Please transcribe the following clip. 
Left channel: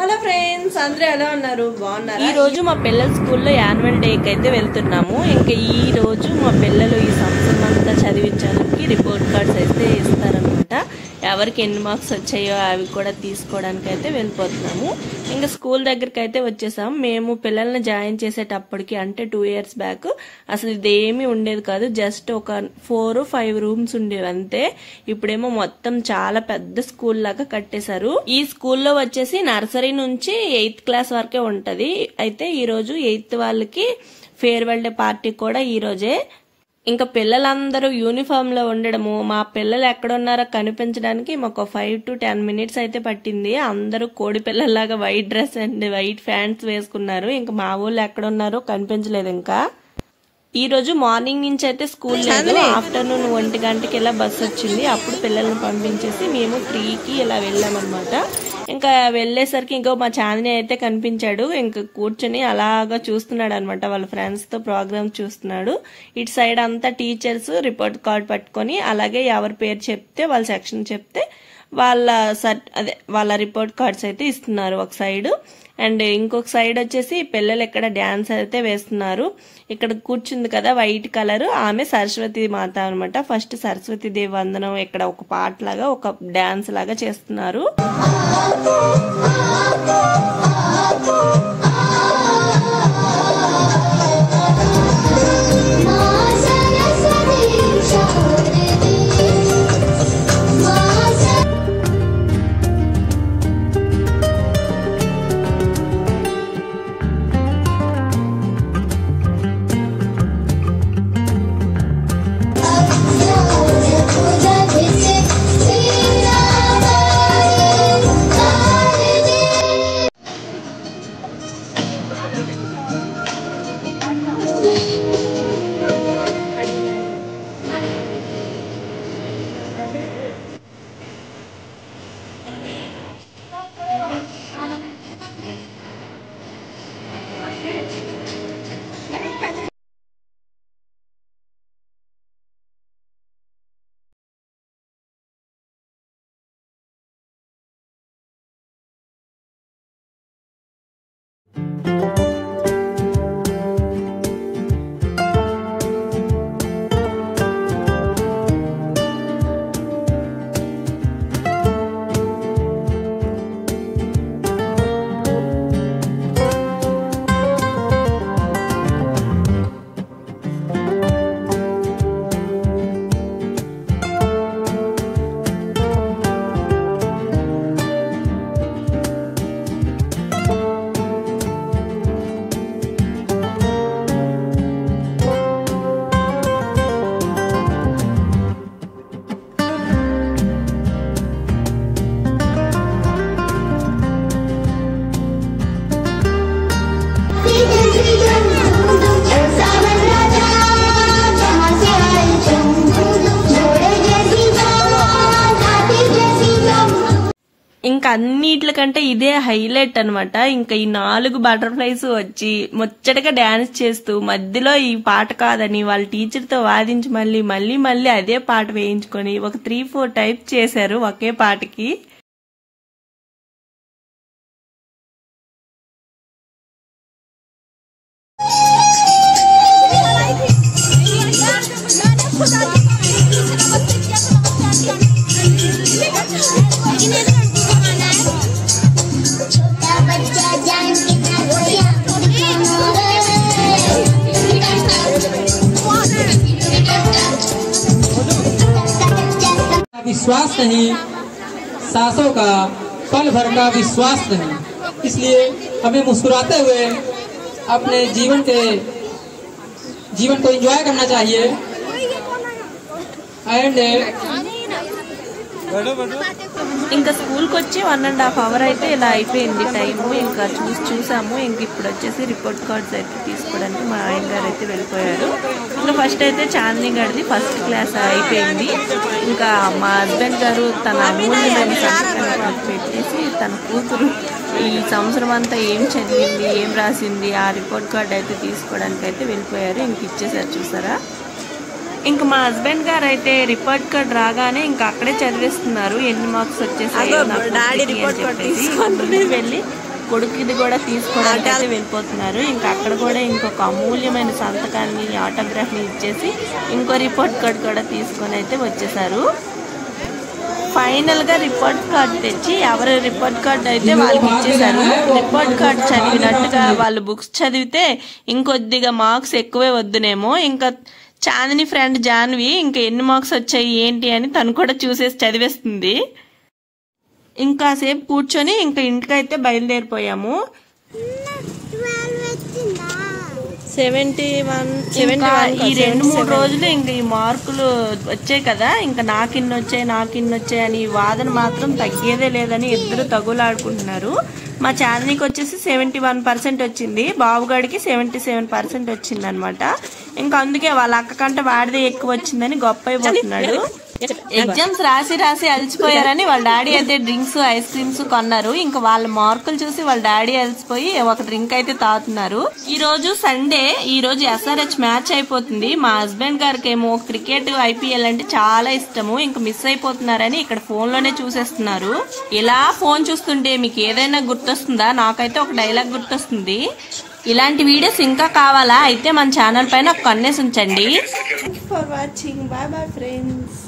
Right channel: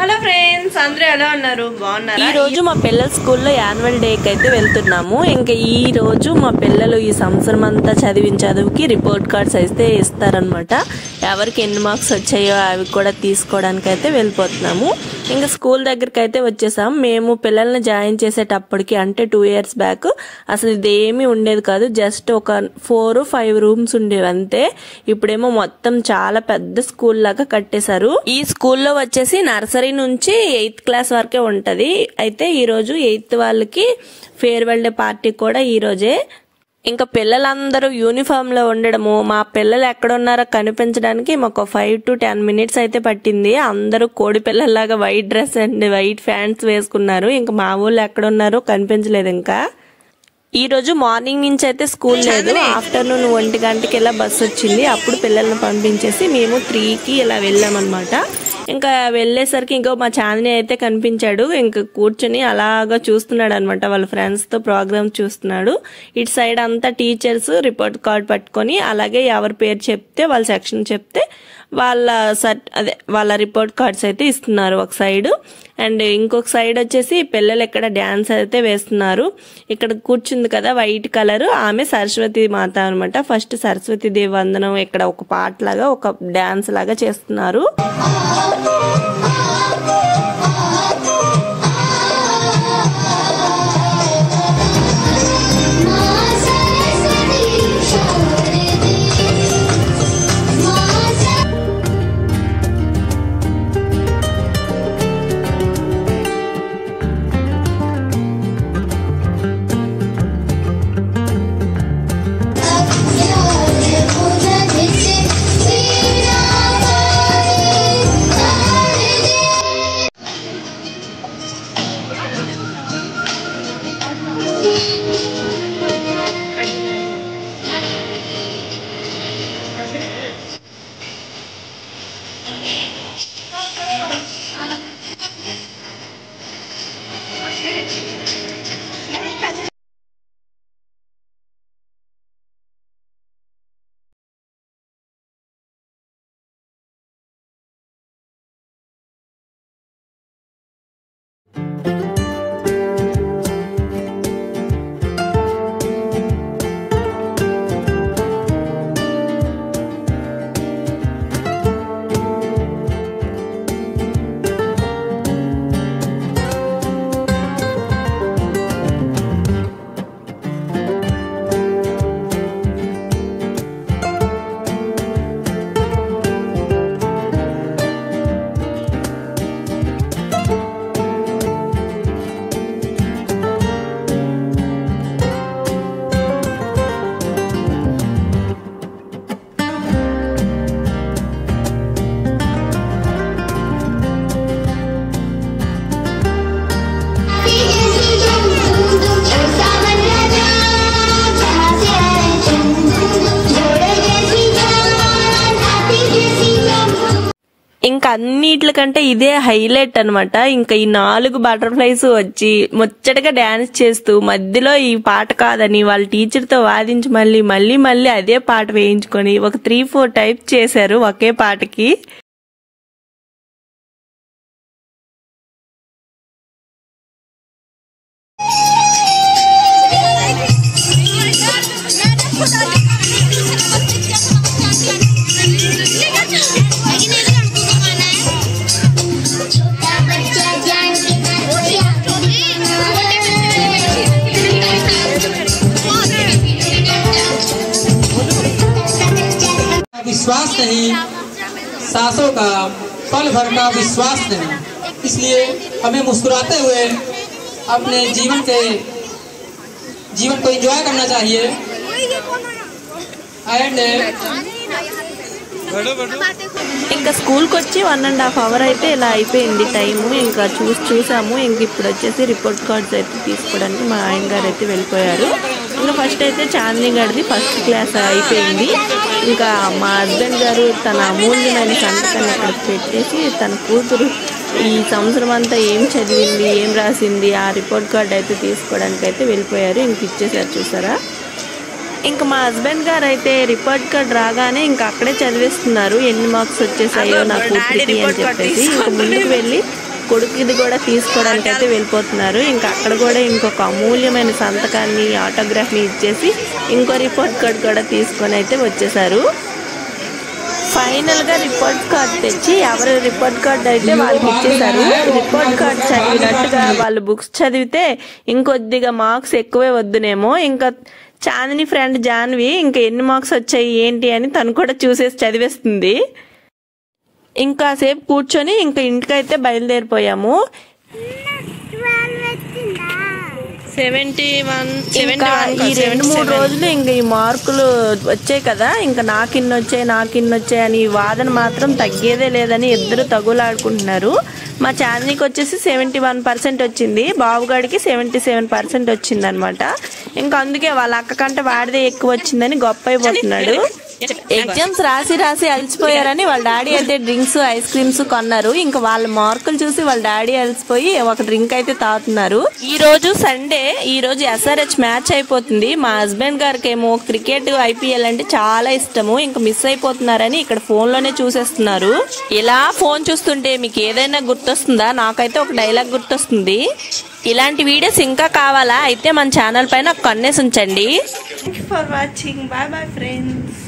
Hello friends, అందరూ ఎలా ఉన్నారు? బాగున్నారా? ఈ రోజు మా పిల్లల స్కూల్లో యాన్యువల్ డేకి అయితే వెళ్తున్నాము. ఇంకా ఈ రోజు మా పిల్లలు ఈ సంవత్సరం అంతా చదివిన చదువుకి రిపోర్ట్ కార్డ్స్ అయితే ఇస్తారనమాట. ఎవరికి ఎన్ని మార్క్స్ వచ్చాయో అవి కూడా తీసుకోవడానికి అయితే వెళ్ళిపోతున్నాము. ఇంకా స్కూల్ దగ్గరికి అయితే వచ్చేసాం. మేము పిల్లల్ని జాయిన్ చేసేటప్పటికి అంటే 2 years బ్యాక్ అసలు ఇదేమీ ఉండేది కాదు. జస్ట్ ఒక 4-5 రూమ్స్ ఉండేవి అంతే. ఇప్పుడేమో మొత్తం చాలా పెద్ద స్కూల్ లాగా కట్టేశారు. ఈ స్కూల్లో వచ్చేసి నర్సరీ నుంచి 8th క్లాస్ వరకే ఉంటది. అయితే ఈ రోజు 8th వాళ్ళకి ఫేర్వెల్ డే పార్టీ కూడా ఈ రోజే. ఇంకా పిల్లలందరూ యూనిఫామ్ లో ఉండడము, మా పిల్లలు ఎక్కడున్నారో కనిపించడానికి మాకు 5 to 10 minutes అయితే పట్టింది. అందరూ కోడి పిల్లల్లాగా white dress and white pants వేసుకున్నారు. ఇంకా మా ఊళ్ళు ఎక్కడున్నారో కనిపించలేదు. ఇంకా ఈ రోజు మార్నింగ్ నుంచి అయితే స్కూల్ లేదు. ఆఫ్టర్నూన్ 1 గంటకి ఇలా బస్సు వచ్చింది. అప్పుడు పిల్లల్ని పంపించేసి మేము 3కి ఇలా వెళ్ళామన్నమాట. ఇంకా వెళ్ళేసరికి ఇంకో మా చాందిని అయితే కనిపించాడు. ఇంకా కూర్చొని అలాగా చూస్తున్నాడు అనమాట. వాళ్ళ ఫ్రెండ్స్ తో ప్రోగ్రామ్ చూస్తున్నాడు. ఇటు సైడ్ అంతా టీచర్స్ రిపోర్ట్ కార్డ్ పట్టుకొని అలాగే ఎవరి పేరు చెప్తే వాళ్ళ సెక్షన్ చెప్తే వాళ్ళ రిపోర్ట్ కార్డ్స్ అయితే ఇస్తున్నారు ఒక సైడ్. అండ్ ఇంకొక సైడ్ వచ్చేసి పిల్లలు ఇక్కడ డాన్స్ అయితే వేస్తున్నారు. ఇక్కడ కూర్చుంది కదా వైట్ కలర్, ఆమె సరస్వతి మాత అనమాట. ఫస్ట్ సరస్వతి దేవి వందనం ఇక్కడ ఒక పాట లాగా ఒక డాన్స్ లాగా చేస్తున్నారు. ఇంకా అన్నిట్లకంటే ఇదే హైలైట్ అనమాట. ఇంకా ఈ 4 బటర్ఫ్లైస్ వచ్చి ముచ్చటగా డాన్స్ చేస్తూ మధ్యలో ఈ పాట కాదని వాళ్ళ టీచర్ తో వాదించి మళ్ళీ అదే పాట వేయించుకొని ఒక 3-4 టైప్స్ చేశారు ఒకే పాటకి. विश्वास नहीं, सांसों का पल भर का विश्वास नहीं। इसलिए हमें मुस्कुराते हुए अपने जीवन को एंजॉय करना चाहिए। एंड ఇంకా స్కూల్కి వచ్చి 1.5 hour అయితే ఇలా అయిపోయింది టైము. ఇంకా చూసాము. ఇంక ఇప్పుడు వచ్చేసి రిపోర్ట్ కార్డ్స్ అయితే తీసుకోవడానికి మా ఆయన గారు అయితే వెళ్ళిపోయారు. ఇంకా ఫస్ట్ అయితే చాందిని గారిది 1st క్లాస్ అయిపోయింది. ఇంకా మా హస్బెండ్ గారు తన అమూల్యమైన సంతకాన్ని పెట్టేసి తన కూతురు ఈ సంవత్సరం అంతా ఏం చదివింది, ఏం రాసింది ఆ రిపోర్ట్ కార్డ్ అయితే తీసుకోవడానికి అయితే వెళ్ళిపోయారు. ఇంక ఇచ్చేసారు చూసారా. ఇంకా మా హస్బెండ్ గారు అయితే రిపోర్ట్ కార్డ్ రాగానే ఇంకా అక్కడే చదివేస్తున్నారు ఎన్ని మార్క్స్ వచ్చేసాయో నాకు ముందుకు వెళ్ళి కొడుకుది కూడా తీసుకోవడానికి అయితే వెళ్ళిపోతున్నారు. ఇంకా అక్కడ కూడా ఇంకొక అమూల్యమైన సంతకాన్ని ఆటోగ్రాఫ్ని ఇచ్చేసి ఇంకో రిపోర్ట్ కార్డ్ కూడా తీసుకొని అయితే వచ్చేసారు. ఫైనల్ గా రిపోర్ట్ కార్డ్ తెచ్చి ఎవరి రిపోర్ట్ కార్డ్ అయితే వాళ్ళకి ఇచ్చేసారు. రిపోర్ట్ కార్డ్ చదివినట్టుగా వాళ్ళు బుక్స్ చదివితే ఇంకొద్దిగా మార్క్స్ ఎక్కువే వద్దునేమో. ఇంకా చాందిని ఫ్రెండ్ జాన్వి ఇంకా ఎన్ని మార్క్స్ వచ్చాయి ఏంటి అని తను కూడా చూసేసి చదివేస్తుంది. ఇంకా సేపు కూర్చొని ఇంకా ఇంటికైతే బయలుదేరిపోయాము. 71 ఈ 2-3 రోజులు ఇంకా ఈ మార్కులు వచ్చాయి కదా, ఇంకా నాకిన్ని వచ్చాయి అని వాదన మాత్రం తగ్గేదే లేదని ఇద్దరు తగులాడుకుంటున్నారు. మా చాందినికి వచ్చేసి 71% వచ్చింది, బాబుగాడికి 77% వచ్చింది అనమాట. ఇంకా అందుకే వాళ్ళ అక్క కంటే వాడిదే ఎక్కువ వచ్చిందని గొప్ప అయిపోతున్నాడు. ఎగ్జామ్స్ రాసి అలసిపోయారని వాళ్ళ డాడీ అయితే డ్రింక్స్ ఐస్ క్రీమ్స్ కొన్నారు. ఇంకా వాళ్ళ మార్కులు చూసి వాళ్ళ డాడీ అలసిపోయి ఒక డ్రింక్ అయితే తాగుతున్నారు. ఈ రోజు సండే, ఈ రోజు SRH మ్యాచ్ అయిపోతుంది. మా హస్బెండ్ గారికి ఏమో క్రికెట్ IPL అంటే చాలా ఇష్టము. ఇంకా మిస్ అయిపోతున్నారని ఇక్కడ ఫోన్ లోనే చూసేస్తున్నారు. ఇలా ఫోన్ చూస్తుంటే మీకు ఏదైనా గుర్తొస్తుందా? నాకైతే ఒక డైలాగ్ గుర్తొస్తుంది. ఇలాంటి వీడియోస్ ఇంకా కావాలా అయితే మన ఛానల్ పైన ఒక కన్నేసి ఉంచండి. For watching. Bye bye friends.